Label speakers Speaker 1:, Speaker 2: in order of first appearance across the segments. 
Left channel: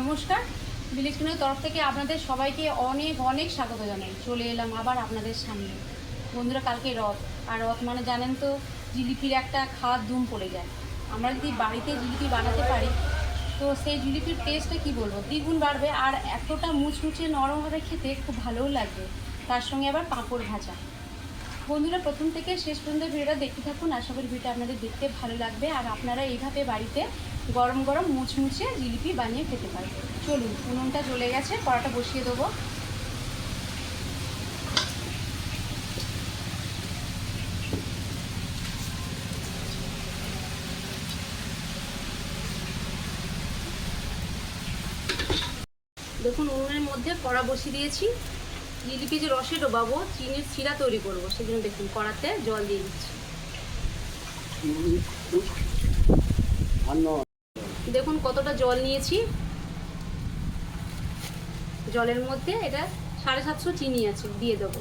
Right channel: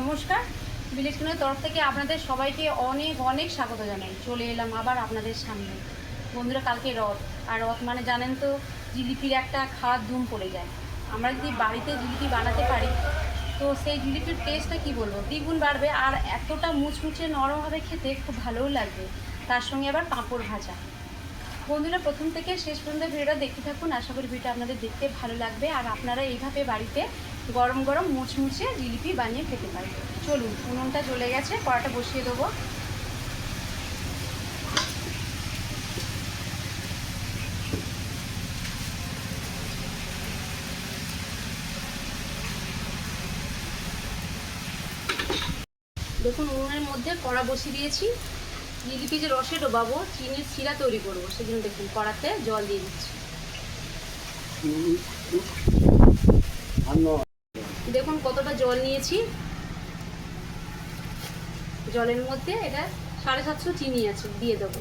Speaker 1: নমস্কার। ভিলেজ তরফ থেকে আপনাদের সবাইকে অনেক অনেক স্বাগত জানাই। চলে এলাম আবার আপনাদের সামনে। বন্ধুরা, কালকে রথ। আর রথ মানে জানেন তো, জিলিপির একটা খাওয়ার ধুম পড়ে যায়। আমরা যদি বাড়িতে জিলিপি বানাতে পারি, তো সেই জিলিপির টেস্টটা কি বলব? দ্বিগুণ বাড়বে আর এতটা মুচমুচে নরম হবে খেতে খুব ভালোও লাগবে। তার সঙ্গে আবার পাঁপড় ভাজা। বন্ধুরা, প্রথম থেকে শেষ পর্যন্ত ভিডিওটা দেখতে থাকুন। আশা করি ভিডিওটা আপনাদের দেখতে ভালো লাগবে। আর আপনারা এইভাবে বাড়িতে গরম গরম মুচমুচে জিলিপি বানিয়ে খেতে পারেন। চলুন, উনুনটা জ্বলে গেছে কড়াটা বসিয়ে দেবো। দেখুন, উনুনের মধ্যে কড়া বসিয়ে দিয়েছি। জিলিপি যে রসে ডোবাবো চিনির শিরা তৈরি করব। সেজন্য দেখুন, কড়াতে জল দিয়ে দিচ্ছি। দেখুন কতটা জল নিয়েছি। জলের মধ্যে এটা সাড়ে সাতশো চিনি আছে, দিয়ে দেবো।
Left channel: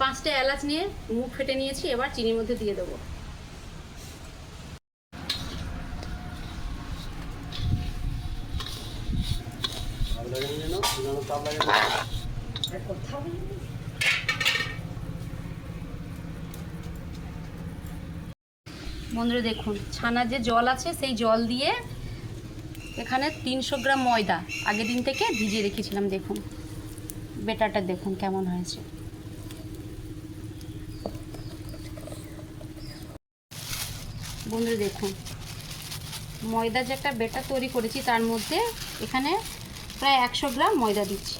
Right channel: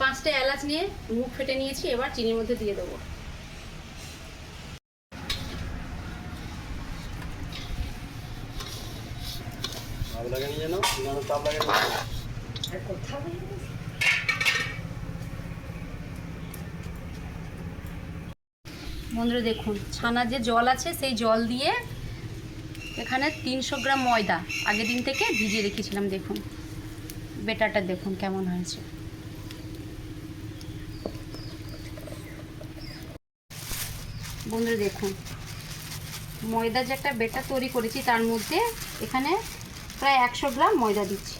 Speaker 1: পাঁচটা এলাচ নিয়ে মুখ ফেটে নিয়েছি, এবার চিনির মধ্যে দিয়ে দেবো। বন্ধুরা দেখুন, ছানার যে জল আছে, সেই জল দিয়ে এখানে তিনশো গ্রাম ময়দা আগের দিন থেকে ভিজিয়ে রেখেছিলাম, দেখুন। বেটারটা দেখুন কেমন হয়েছে। বন্ধুরা দেখুন, ময়দা যে একটা বেটার তৈরি করেছি, তার মধ্যে এখানে প্রায় একশো গ্রাম ময়দা দিচ্ছি।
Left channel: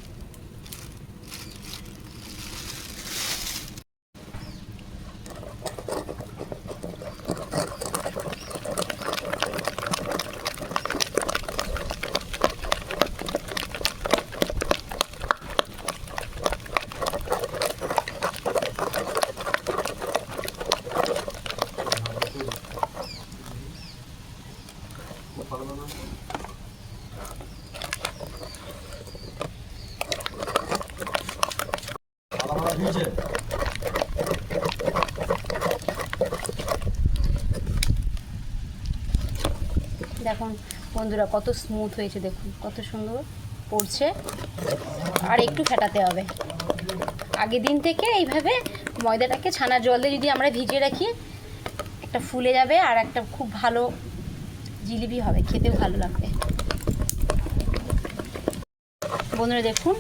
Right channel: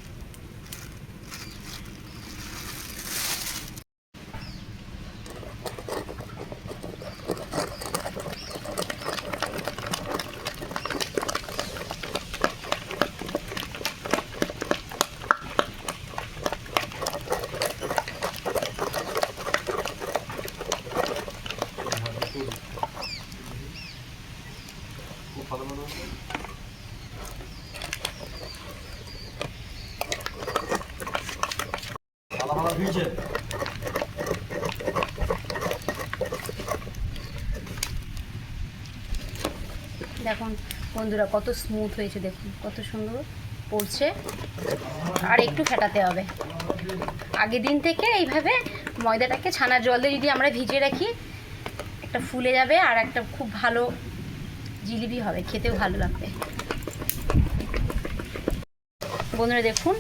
Speaker 2: ভিজে
Speaker 1: দেখুন, বন্ধুরা, কত স্মুথ হয়েছে, দেখুন, কত সুন্দর পড়ছে। আর একটু ফেটাতে হবে। আগের দিন থেকে এইভাবে ময়দাটাকে ছানার জলে যদি আমরা ভিজিয়ে রাখি, একটা ফুলে যাবে আর একটা খুব ভালো জিলিপি হবে। খেতেও ভালো লাগবে। বন্ধুরা, দেখুন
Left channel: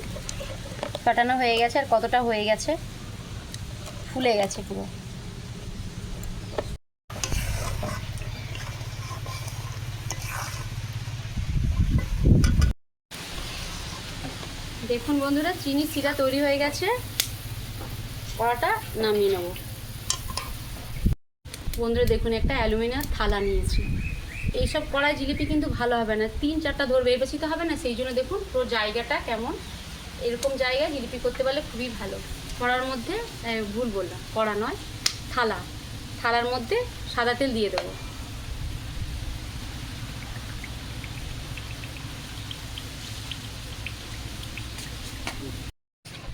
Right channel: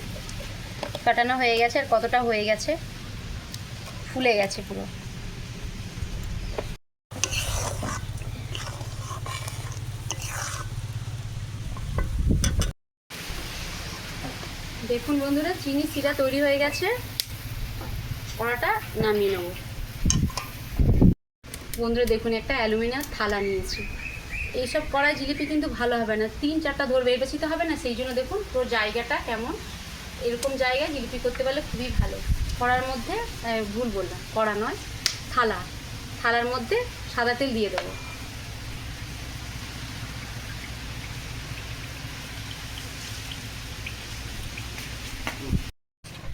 Speaker 1: কাটানো হয়ে গেছে আর কতটা হয়ে গেছে? ফুলে গেছে পুরো। দেখুন বন্ধুরা, চিনি শিরা তৈরি হয়ে গেছে। কড়াটা নামিয়ে নেব। বন্ধুরা, দেখুন, একটা অ্যালুমিনিয়াম থালা নিয়েছি। এইসব কড়াই জিলিপি কিন্তু ভালো হবে না। তিন চারটা ধরবে এর বেশি তো হবে না, সেই জন্য দেখুন পুরো জায়গাটা কেমন এরকম জায়গায় জিলিপি করতে পারলে খুবই ভালো। কড়ার মধ্যে ভুল বললাম, কড়া নয়, থালা। থালার মধ্যে সাদা তেল দিয়ে দেবো।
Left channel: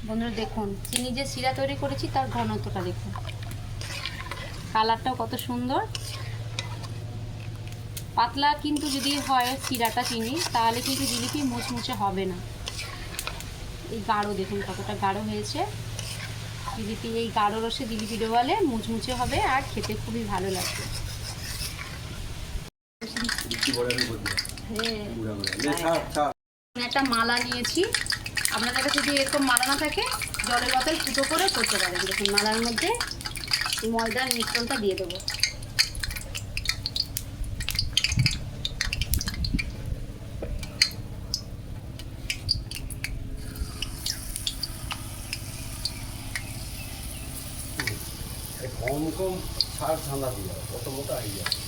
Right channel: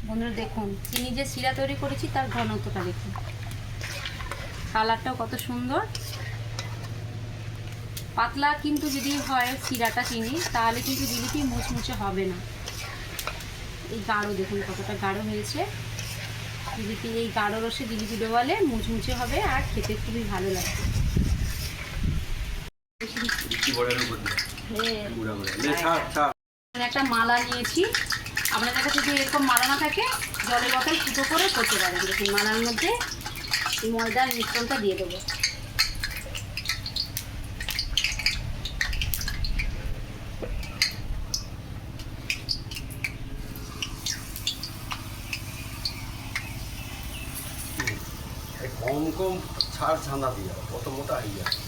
Speaker 1: বন্ধুরা দেখুন, চিনি যে শিরা তৈরি করেছি তার ঘনত্বটা দেখুন। কালারটাও কত সুন্দর। পাতলা কিন্তু যদি হয় শিরাটা চিনি, তাহলে কিন্তু জিলিপি মুচমুচে হবে না। এই গাঢ় দেখুন কতটা গাঢ় হয়েছে। জিলিপি এই গাঢ় রসে জিলিপি ডোবালে মুচমুচে হবে আর খেতে খুবই ভালো লাগবে। হ্যাঁ। একটা মালা নিয়েছি। আপনাদের কাছে যদি এরকম মালা না থাকে জলের বোতল ফুটো করে করতে পারেন। দেখুন মালার মধ্যে ময়দার মিশ্রণটা দিয়ে দেবো।
Speaker 2: এই কম কম ছাড় ঠান্ডা দিয়ে কত মোটা হয়ে যায়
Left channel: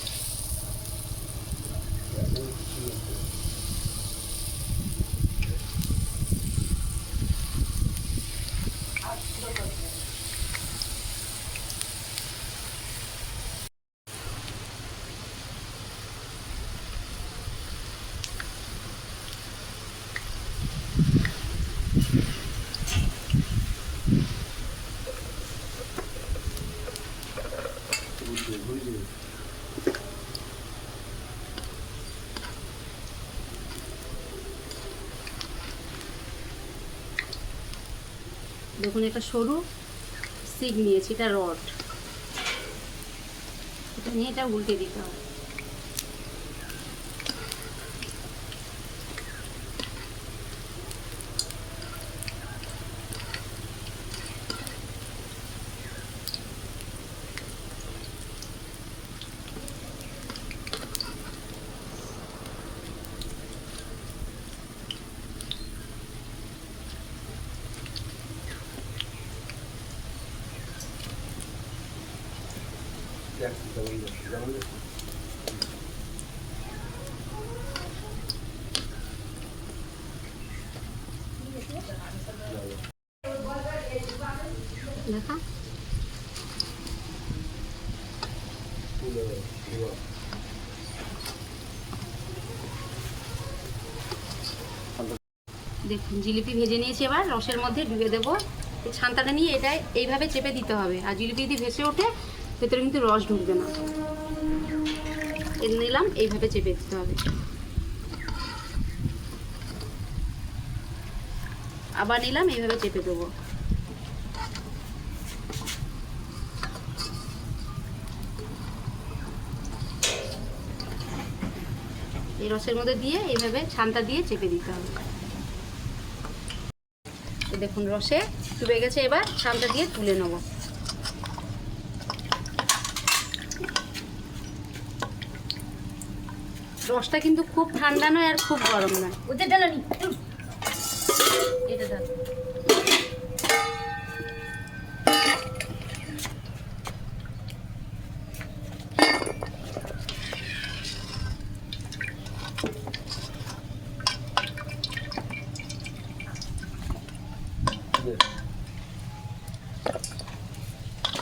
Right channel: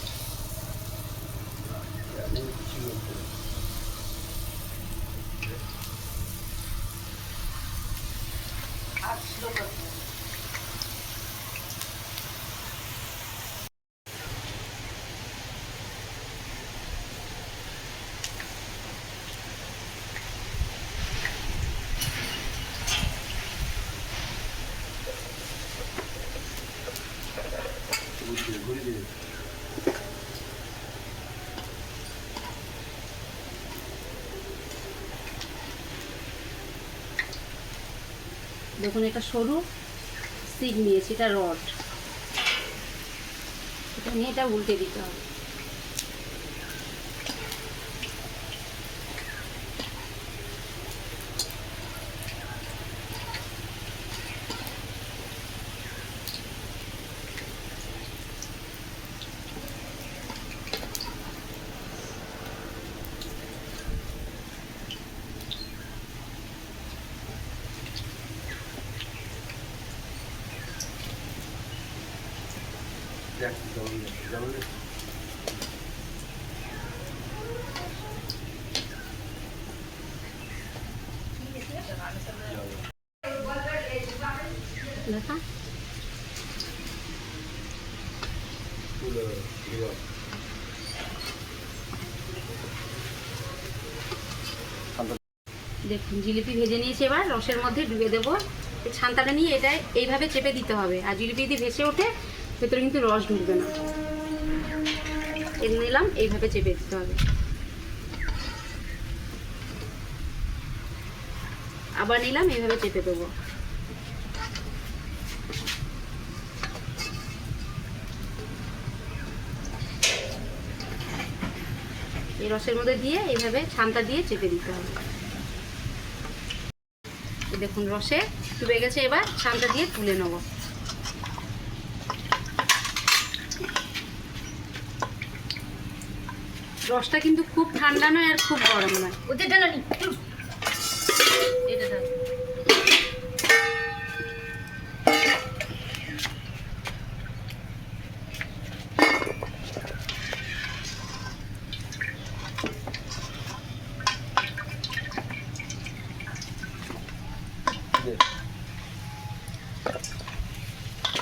Speaker 1: দেখুন একটা সরু সিট নিয়েছি এটা রড এটা নিয়ে এটা উল্টে দিতে হবে। দেখুন, জিলিপি ভেজে নিয়েছি এবার, রসের মধ্যে ডুবে দেবো। ছান্তাটা নিয়ে এটা এইভাবে চেপে দিতে হবে। আর জিলিপি যদি ভেসে ওঠে ভেতরে কিন্তু রস ঢুকবে না। এর নিলাম, এইভাবে চেপে দিতে হবে। আবার নিলাম, এইভাবে চেপে দেবো। এই রসের মধ্যে দিয়ে এইভাবে ছানটা দিয়ে চেপে দিতে হবে। দেখুন, রসে ডুবে গেছে, এবার ছানটা দিয়ে তুলে নেব। রসটা কিন্তু খুব ঠান্ডা নয় আর খুব গরম নয়। ওদের ডালা নি।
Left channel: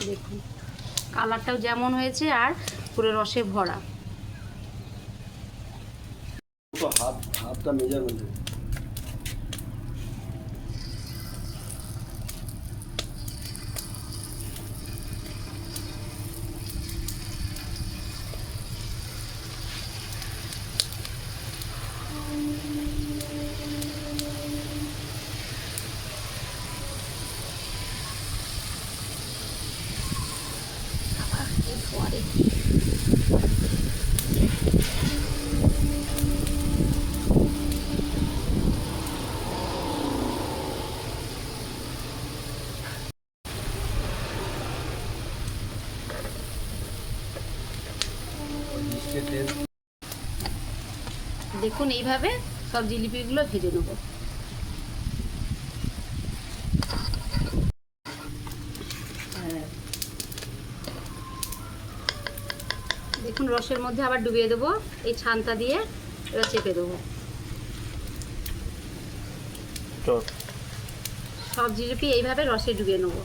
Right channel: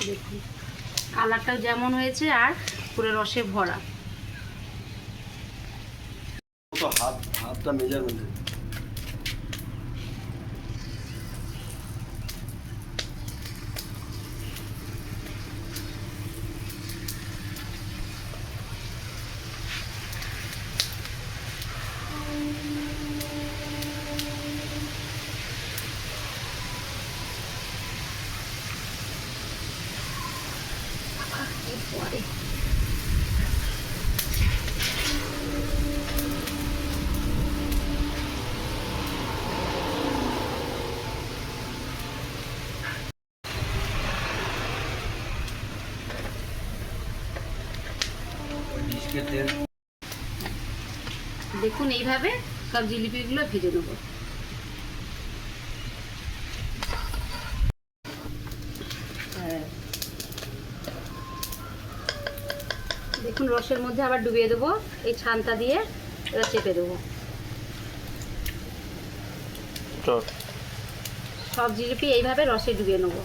Speaker 1: দেখুন কালারটাও যেমন হয়েছে আর পুরো রসে ভরা।
Speaker 2: तो हाथ हाथ का मेज़रमेंट है Water.
Speaker 1: দেখুন এইভাবে সব জিলিপিগুলো ভেজে নেব। দেখুন রসের মধ্যে আবার ডুবিয়ে দেবো এই ছানটা দিয়ে এবার চেপে দেবো। সব জিলিপি এইভাবে রসে ডুবিয়ে নেব।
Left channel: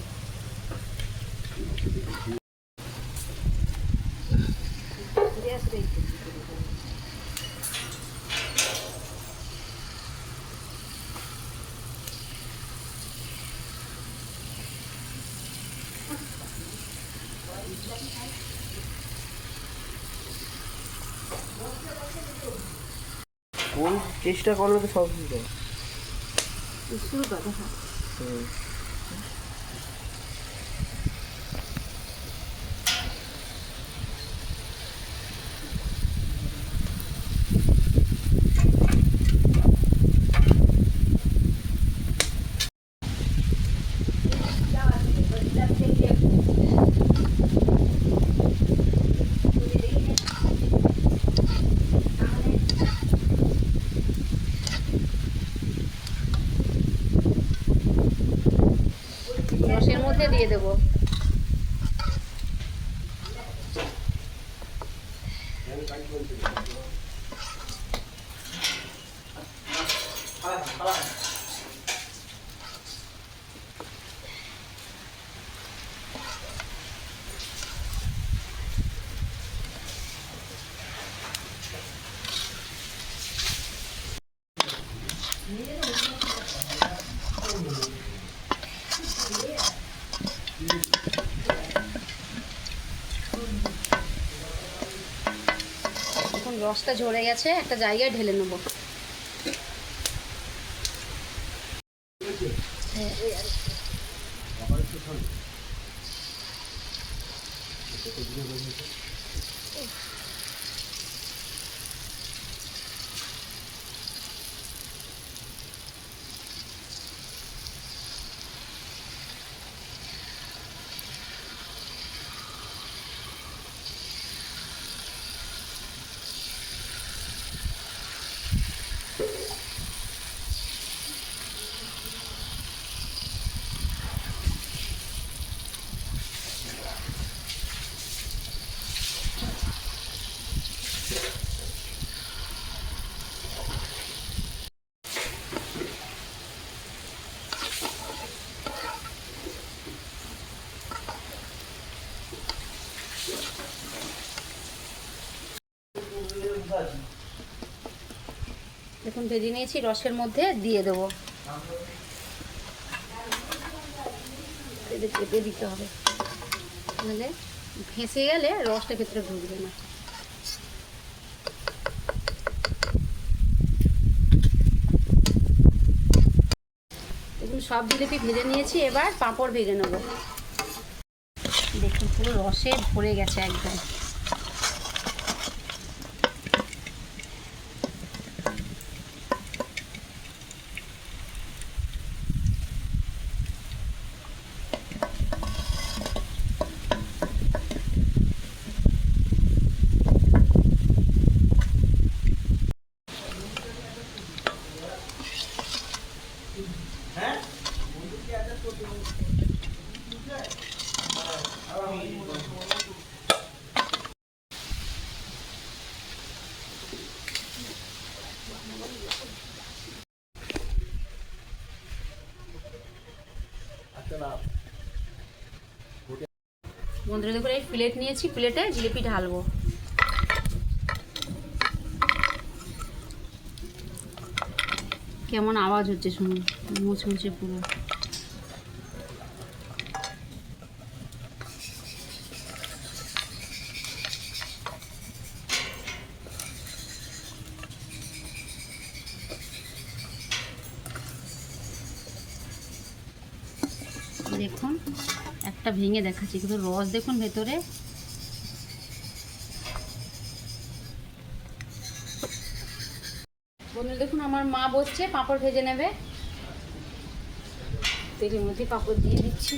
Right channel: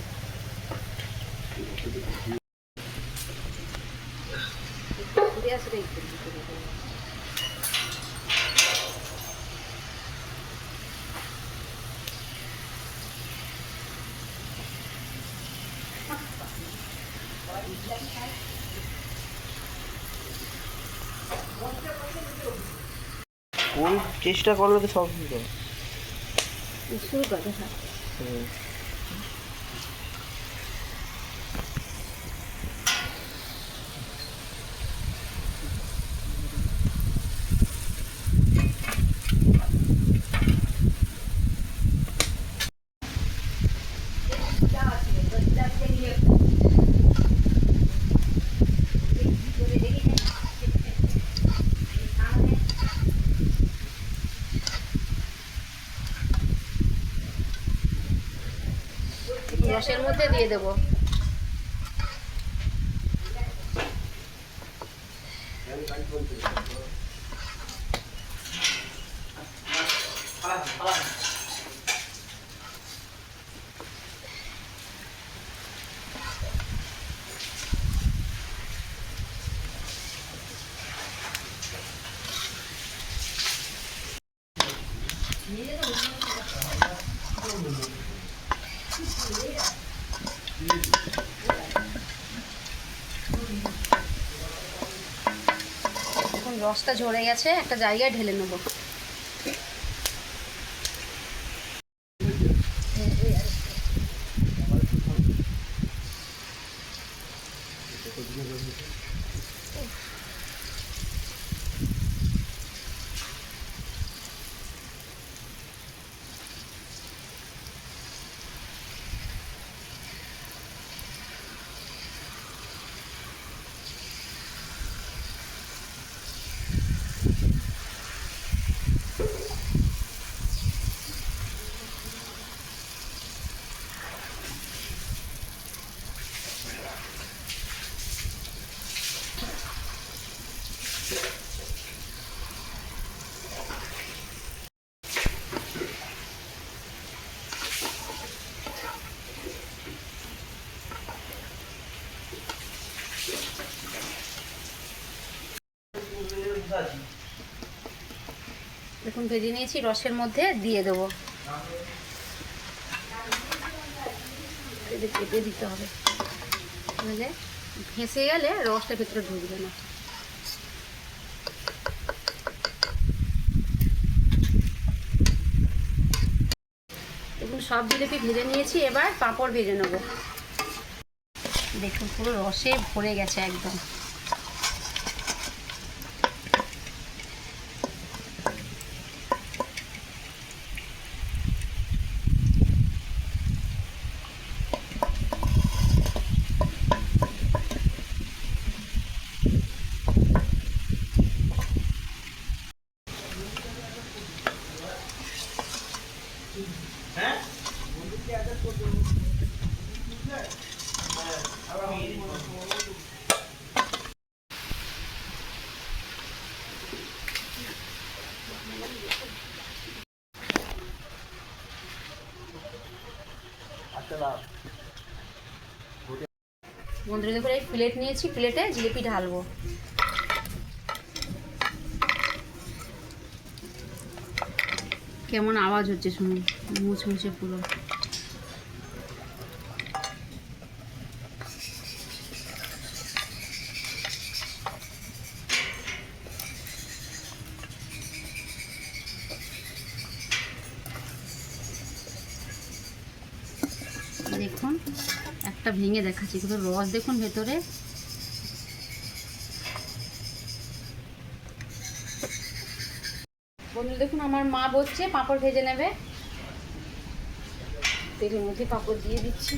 Speaker 3: চেষ্টা করলে তো সব হবে।
Speaker 1: শুরু করো হ্যাঁ
Speaker 3: হুম।
Speaker 1: রসের মধ্যে দিয়ে দেবো। এখন রসটা ঝরে গেছে একটা জায়গায় ঢেলে নেব। এখন ভেজে নিয়েছি রসের মধ্যে, দিয়ে দেবো। কেটে দিতে হবে। তাহলে ভেসে গেলে রসটা ভেতরে ঢুকবে না। এগুলো সব জিলিপি ভেজে নিয়েছি, এবার পাঁপড় ভেজে নেব। দেখুন পুরো রসে ভরে গেছে একদম। বন্ধুরা দেখুন এই প্লেট নিয়েছি প্লেটে জিলিপি ঢালবো। কেমন আওয়াজ হচ্ছে শুনুন মুচমুচে পুরো দেখুন একটা ভেঙে দেখাচ্ছি, কিন্তু রস দেখুন ভেতরে। বন্ধু দেখুন আমার মা বসছে, পাঁপড় ভেজে নেবে। তেলের মধ্যে পাঁপড় দিয়ে দিচ্ছি।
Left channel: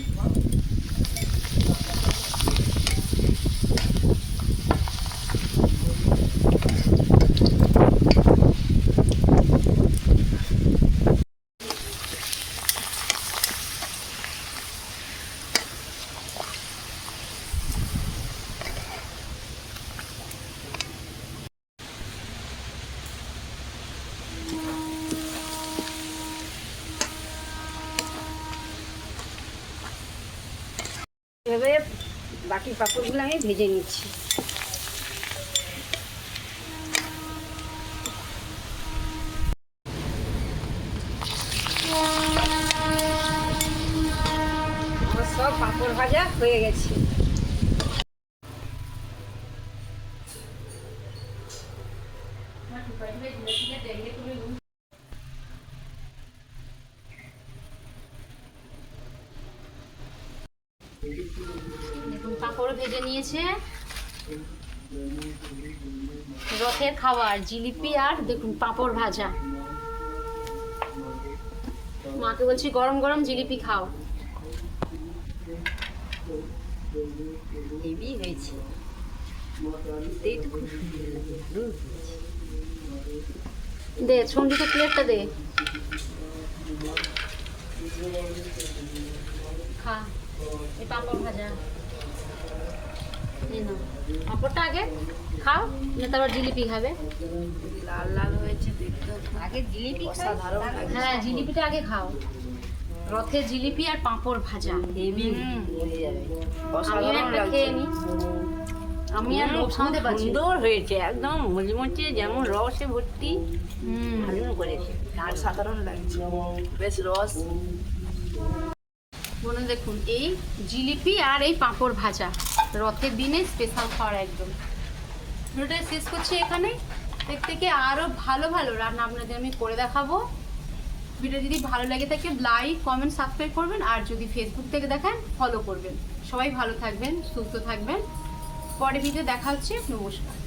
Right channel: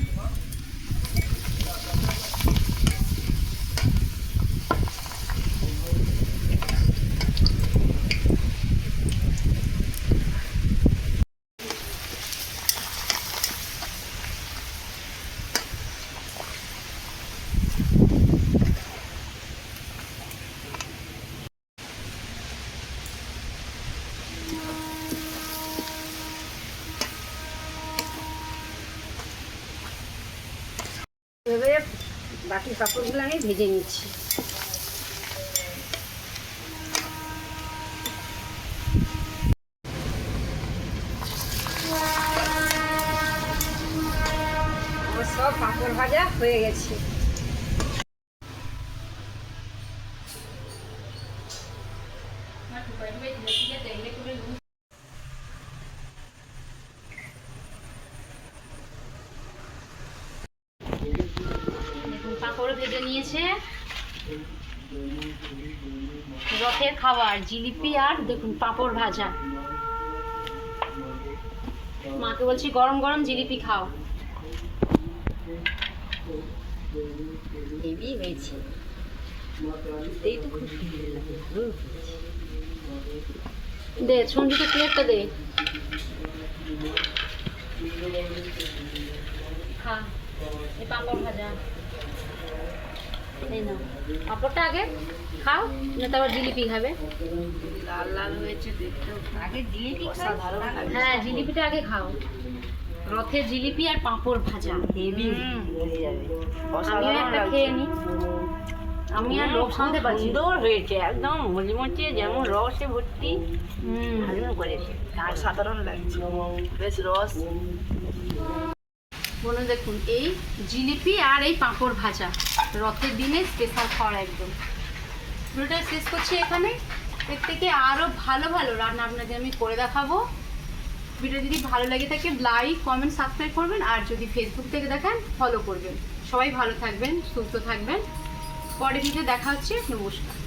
Speaker 1: বাকি পাঁপড়গুলো আমি ভেজে নিচ্ছি। আমার সব পাঁপড় ভাজা হয়ে গেছে দেখুন পাঁপড় ভেজে নিয়েছে। রথের খাবার জিলিপি আর দেখুন পাঁপড় ভাজা। মাকে বলছি গরম গরম জিলিপি খাও। হেভি হয়েছে। দে সঞ্জিতে প্লেটটা দে। খা এই পাঁপড় ভাজা। এই নাও। পাঁপড়টা আগে খাও না তারপর জিলিপি খাবে।
Speaker 3: লাল লাল হয়েছে দেখতে
Speaker 1: আগে জিলিপি হ্যাঁ জিলিপিটা আগে খাও। রথের জিলিপি আর পাঁপড় ভাজা।
Speaker 3: হেভি
Speaker 1: একটা খেয়ে আমি আর লোভ সামতে পারছি
Speaker 3: সুন্দর হয়েছে একদম মুচমুচে যেমন রসে ভর্তি।
Speaker 1: হুম।
Speaker 3: দারুণ করেছে অসাধারণ লাগছে। বেশ রস।
Speaker 1: বলুন দেখুন এই জিলিপি আর এই পাঁপড় ভাজা। রথের দিনে স্পেশাল খাওয়ার একদম। ভিডিওটা শেষ করছি এখানে। এর থেকে আরও ভালো ভালো রান্না আপনাদের আমি করে দেখাবো। ভিডিও যদি ভালো লাগে থাকে লাইক কমেন্ট সাবস্ক্রাইব করবেন। আর যদি ফেসবুক থেকে দেখেন ফলো করবেন। সবাই ভালো থাকবেন, সুস্থ থাকবেন। পরে ভিডিও দেখা হচ্ছে, নমস্কার।